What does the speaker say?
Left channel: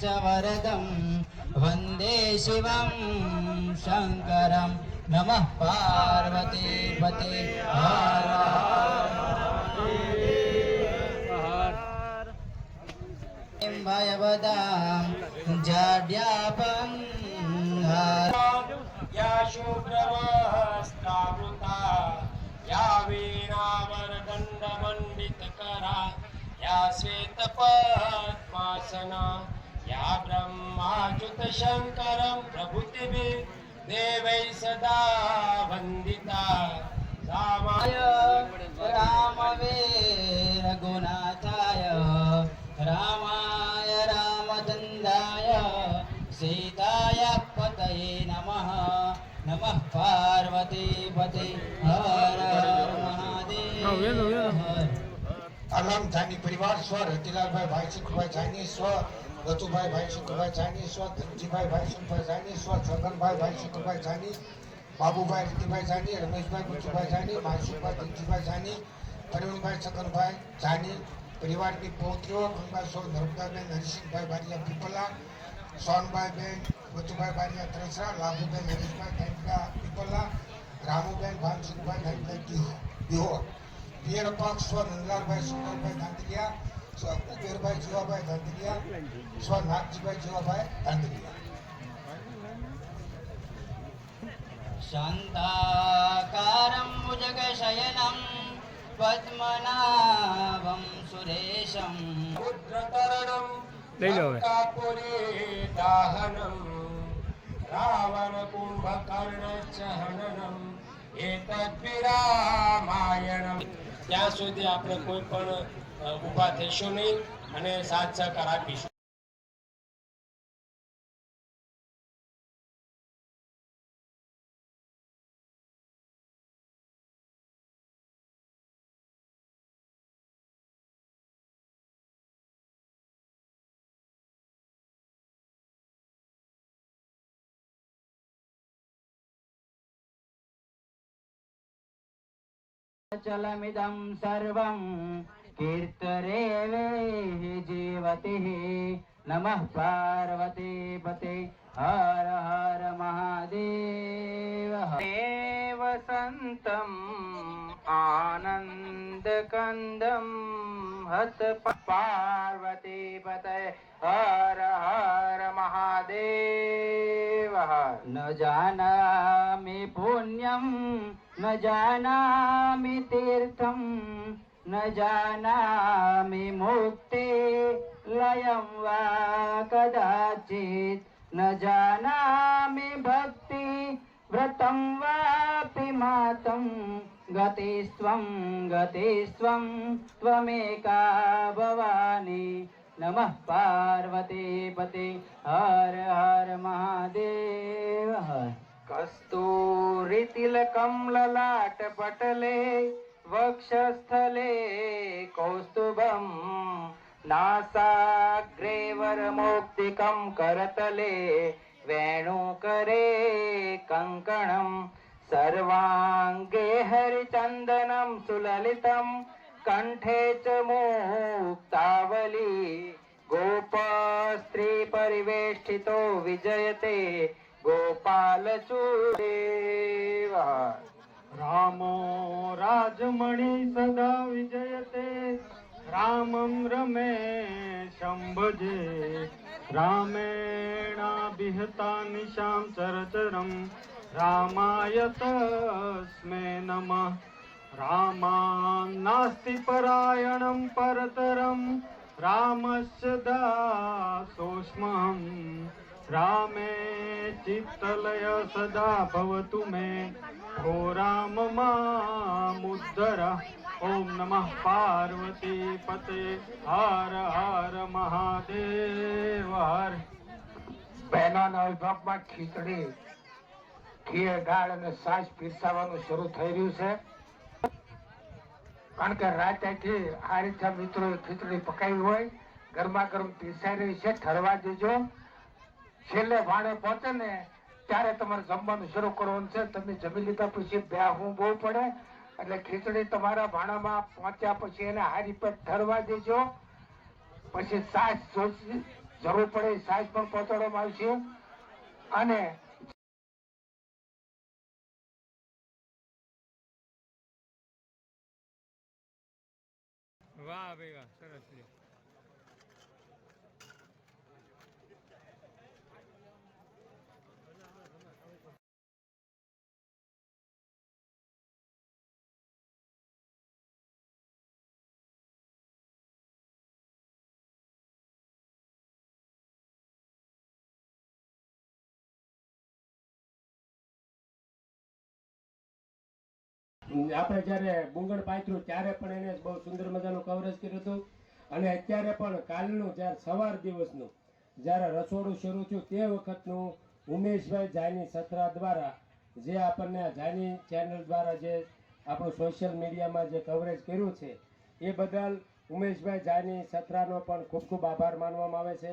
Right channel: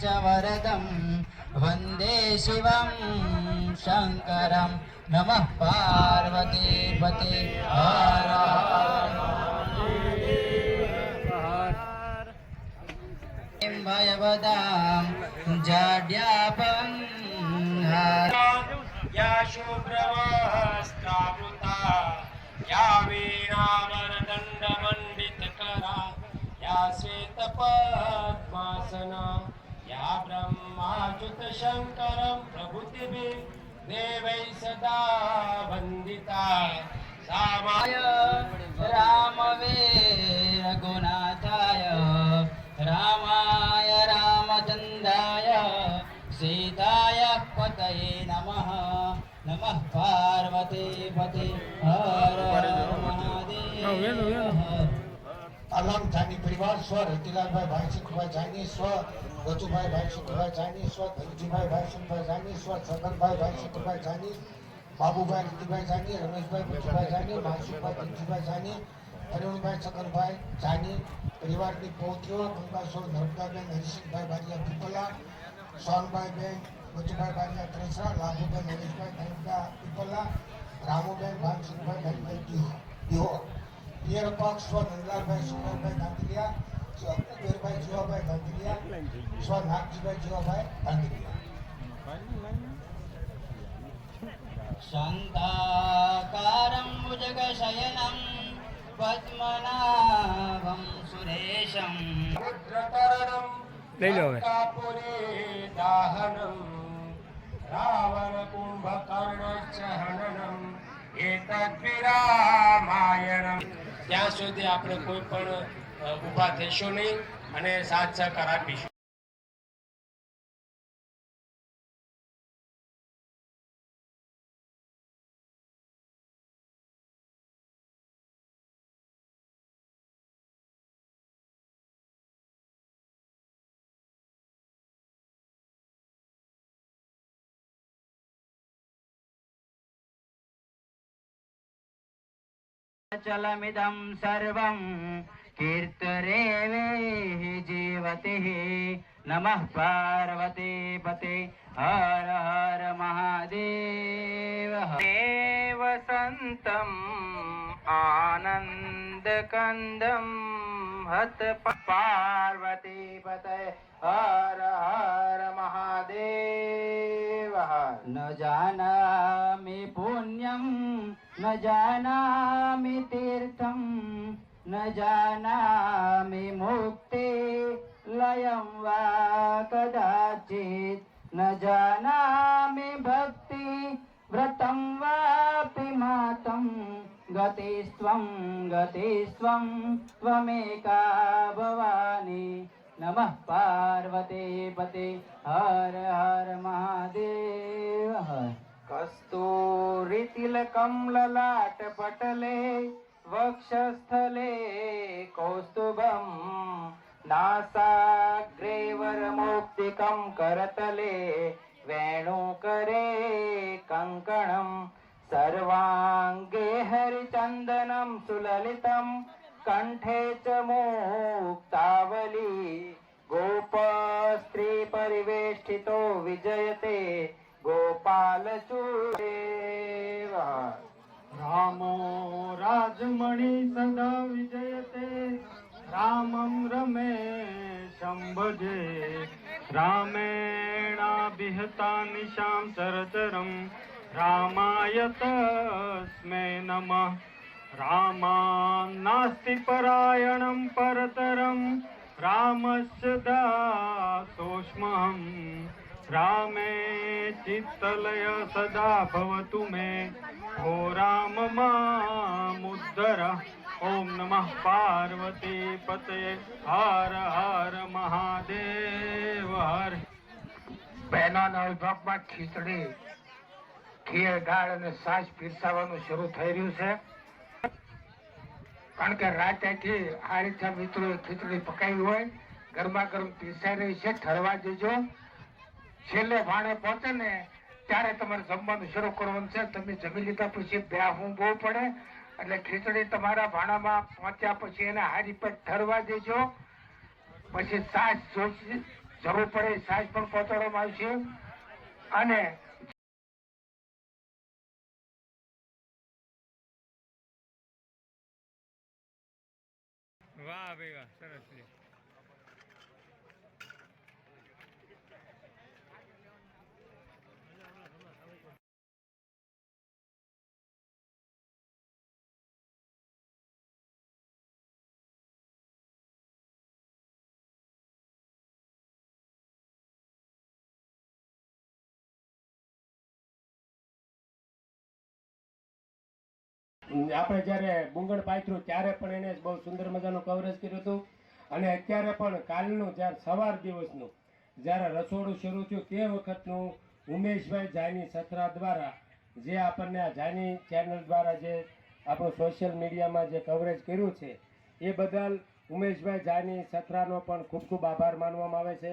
च वरदं वन्दे शिवं शङ्करं नमः पार्वती पते भयवदां जाड्यापं या शुभ्रवस्त्रावृता या वीणावरदण्डमण्डितकरा या श्वेतपद्मासना या ब्रह्माच्युतशङ्करं प्रभृतिभिः देवैः सदा वन्दिता रामाय रामवीर गुणाताय रामाय रामचन्द्राय सीताय पतये नमः नमः पार्वती पते हर हर महादेव अलाम जानी परिवार स्व रतिलाल भाई सुखभाई जानी स्व रतुभाई भाई सुखभाई जानी स्व धनजीभाई भाई सुखभाई जानी स्व छगनभाई भाई सुखभाई जानी बाबूभाई रतिभाई जानी रमेशभाई बुद्धभाई जानी मानसुखभाई धनजीभाई जानी परिवनभाई छगनभाई जानी परिवार की पौत्रियों गंगा सोल नर्मदाबेन हरिसिंहभाई बारिया पीपला सोनभाई बेन बचुभाई बारिया त्रेसरा लाभूबेन हरीशभाई धाइका पीपला रामूबेन भानसुखभाई धाइका दिहोर पियर पाक स्व नंदलालभाई सुखलालभाई दांतिया स्व कुबेरभाई जीवाभाई दांतिया स्व नागजीभाई जीवाभाई दांतिया शान्ताकारं भुजगशयनं पद्मनाभं सुरेशं रुद्रतरणं दाहनं रावण कुंभकर्णचहननं एतद्विरामायणं ત્યાં સુધી આપણે કોઈ પણ ઊભા થઈશું નહીં અને સાથ સહકાર આપીશું. चलमिदं सर्वं कीर्तरेवेहि जीवतिः नमः पार्वती पते हर हर महादेव देव सन्तम् आनन्दकन्दं हत पार्वती पते हर हर महादेव न जानामि पुण्यं न जानामि तीर्थं न जानामि मुक्ति लयं वा कदाचित् न जानामि भक्ति व्रतं वापि मातं गतिस्त्वं त्वमेका भवानी नमः पार्वती पते हर हर महादेव कस्तूरितिलकं ललाटपटले वक्षस्थले कौस्तुभं नासाग्रे वरमौक्तिकं करतले वेणुकरे कङ्कणं सर्वाङ्गे हरिचन्दनं सुललितं कण्ठे च मुक्तावली गोपस्त्री परिवेष्टितो विजयते गोपालचूडेव रामो राजमणि सदा विजयते रामं रमेशं भजे रामेणाभिहता निशां चरचरं रामाय तस्मै नमः रामां नास्ति परायणं परतरं रामस्य दासोऽस्म्यहम् रामे चित्तलय सदा भवतु मे ओ राम मामुद्धर ओम नमः पार्वती पते हर हर महादेव हर. બહેનોના વિભાગમાં ખીચડી ખીર દાળ અને છાશ પીરસાવાનું શરૂ થઈ રહ્યું છે કારણ કે રાતથી આ રીતે મિત્રો ખીચડી પકાવી હોય ગરમા ગરમ પીરસાઈ રહી છે ઠરવા દેજો છેલ્લે ભાણે પહોંચે ને ત્યારે તમારે જમવાનું શરૂ કરવાનું છે તમે જમી લીધા પછી બેહવું બહુ પડે એટલે ખીચડી તમારા ભાણામાં પહોંચ્યા પછી એને હારી પર ઠરવા દેજો પછી છાશ જરૂર પડે સાઈઝ પણ પહોંચાડવામાં આવશે અને વાહ ભાઈ વાહ, સરસ છે. આપણે જ્યારે બુંગળ પાથર્યું ત્યારે પણ એને બહુ સુંદર મજાનું કવરેજ કર્યું હતું અને અત્યારે પણ કાલનું જ્યારે સવાર દિવસનું જ્યારે રસોડું શરૂ થયું તે વખતનું ઉમેશભાઈ જાની સત્રા દ્વારા જે આપણને આ જાની ચેનલ દ્વારા જે આપણું સોશિયલ મીડિયામાં જે કવરેજ કર્યું છે એ બદલ ઉમેશભાઈ જાની સત્રાનો પણ ખૂબ ખૂબ આભાર માનવામાં આવે છે.